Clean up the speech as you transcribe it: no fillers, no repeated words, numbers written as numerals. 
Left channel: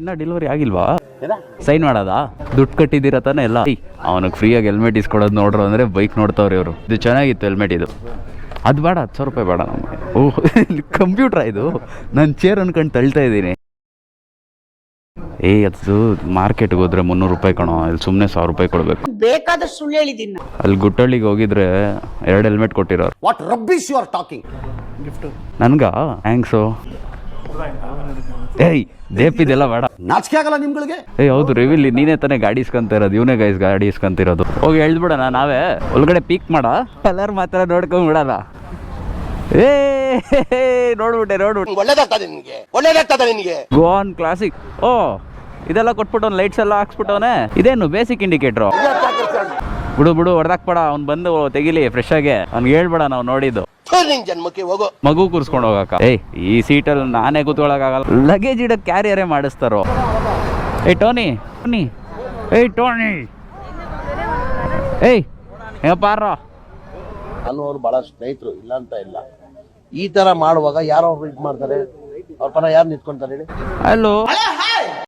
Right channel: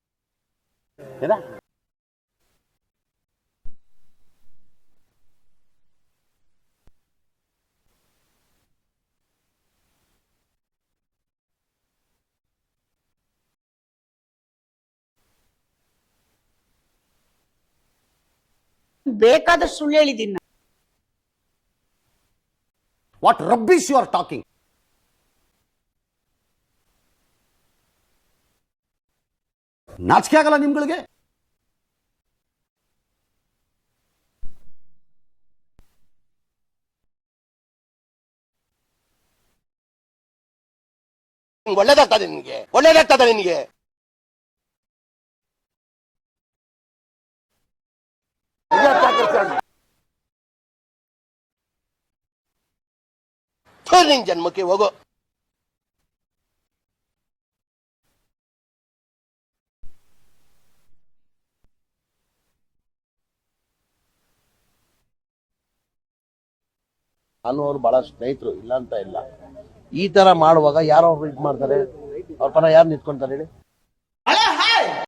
ಇನ್ನ ಡೆಲಿವರಿ ಆಗಿಲ್ವಾ? ಸೈನ್ ಮಾಡೋದಾ? ದುಡ್ಡು ಕಟ್ಟಿದ್ದೀರ ತಾನೆ ಎಲ್ಲ? ಅವನಿಗೆ ಫ್ರೀಯಾಗಿ ಹೆಲ್ಮೆಟ್ ಇಸ್ಕೊಡೋದು ನೋಡ್ರು ಅಂದರೆ ಬೈಕ್ ನೋಡ್ತಾವ್ರಿ ಇವರು. ಇದು ಚೆನ್ನಾಗಿತ್ತು ಹೆಲ್ಮೆಟ್ ಇದು. ಅದು ಬೇಡ, 10,000 ರೂಪಾಯಿ ಬೇಡ ನಮಗೆ. ಓಹ್ ಕಂಪ್ಯೂಟ್ರಾ ಇದು? ನಾನು ಚೇರ್ ಅನ್ಕೊಂಡು ತಳ್ತಾ ಇದ್ದೀನಿ. ಅದು ಮಾರ್ಕೆಟ್ಗೆ ಹೋದ್ರೆ 300 ರೂಪಾಯಿ ಕಣೋ, ಇಲ್ಲಿ ಸುಮ್ಮನೆ 1000 ರೂಪಾಯಿ ಕೊಡ್ಬೇಕು. ಬೇಕಾದಷ್ಟು ಸುಳ್ಳು ಹೇಳಿದ್ದೀನಿ. ಅಲ್ಲಿ ಗುಟ್ಟಳ್ಳಿಗೆ ಹೋಗಿದ್ರೆ 2 ಹೆಲ್ಮೆಟ್ ಕೊಟ್ಟಿರೋರು. What rubbish you are talking? ನನ್ಗ ಥ್ಯಾಂಕ್ಸು. ದೇಪಿದೆಲ್ಲ ಬೇಡ, ನಾಚಿಕೆ ಆಗಲ್ಲ ನಿಮ್ಗಳಿಗೆ? ಹೌದು ರಿವಿಲ್ ನೀನೇ ತಾನೇ ಗಾಡಿ ಇಸ್ಕೊಂತ ಇರೋದು, ಇವನೇ ಗಾಡಿ ಇಸ್ಕೊಂತಿರೋದು. ಹೋಗಿ ಹೇಳ್ಬಿಡೋಣ ನಾವೇ, ಒಳಗಡೆ ಪೀಕ್ ಮಾಡ, ಎಲ್ಲರೂ ಮಾತ್ರ ನೋಡ್ಕೊಂಡ್ಬಿಡೋಣ. ನೋಡ್ಬಿಟ್ಟೆ ಒಳ್ಳೇದಾಗ್ತದೆ ನಿನ್ಗೆ. ಗೋವಾನ್ ಕ್ಲಾಸಿಕ್. ಓ ಇದೆಲ್ಲ ಕೊಟ್ಬಿಟ್ಟು ಲೈಟ್ಸ್ ಎಲ್ಲ ಹಾಕ್ಸ್ಬಿಟ್ಟವನೆ. ಇದೇನು ಬೇಸಿಕ್ ಇಂಡಿಕೇಟ್ರು? ಬಿಡು ಹೊಡೆದಾಕ್ಬೇಡ, ಅವ್ನು ಬಂದು ತೆಗಿಲಿ ಫ್ರೆಶ್ ಆಗಿ. ಅವ್ನಿಗೆ ಹೇಳ್ಬೇಡ ನಾವು ನೋಡಿದ್ದು. ಜನ್ಮಕ್ಕೆ ಹೋಗೋ ಮಗು ಕೂರ್ಸ್ಕೊಂಡು ಹೋಗಕ್ಕ. ಈ ಸೀಟಲ್ಲಿ ನಾನೇ ಕೂತ್ಕೊಳ್ಳೋಕ್ಕಾಗಲ್ಲ, ಲಗೇಜ್ ಇಡಕ್ಕೆ ಕ್ಯಾರಿಯರೇ ಮಾಡಿಸ್ತಾರೋ. ಟೋನಿ ಪಾರ ಅನ್ನೋರು ಬಹಳ ಸ್ನೇಹಿತರು, ಇಲ್ಲ ಅಂತ ಇಲ್ಲ. ಈ ತರ ಮಾಡುವಾಗ ಯಾರು ಇದು ಮಾಡ್ತಾರೆ? ಅವ್ರ ಪರ ಯಾರು ನಿಂತ್ಕೊಂತಾರೆ ಹೇಳಿ? ಹಲೋ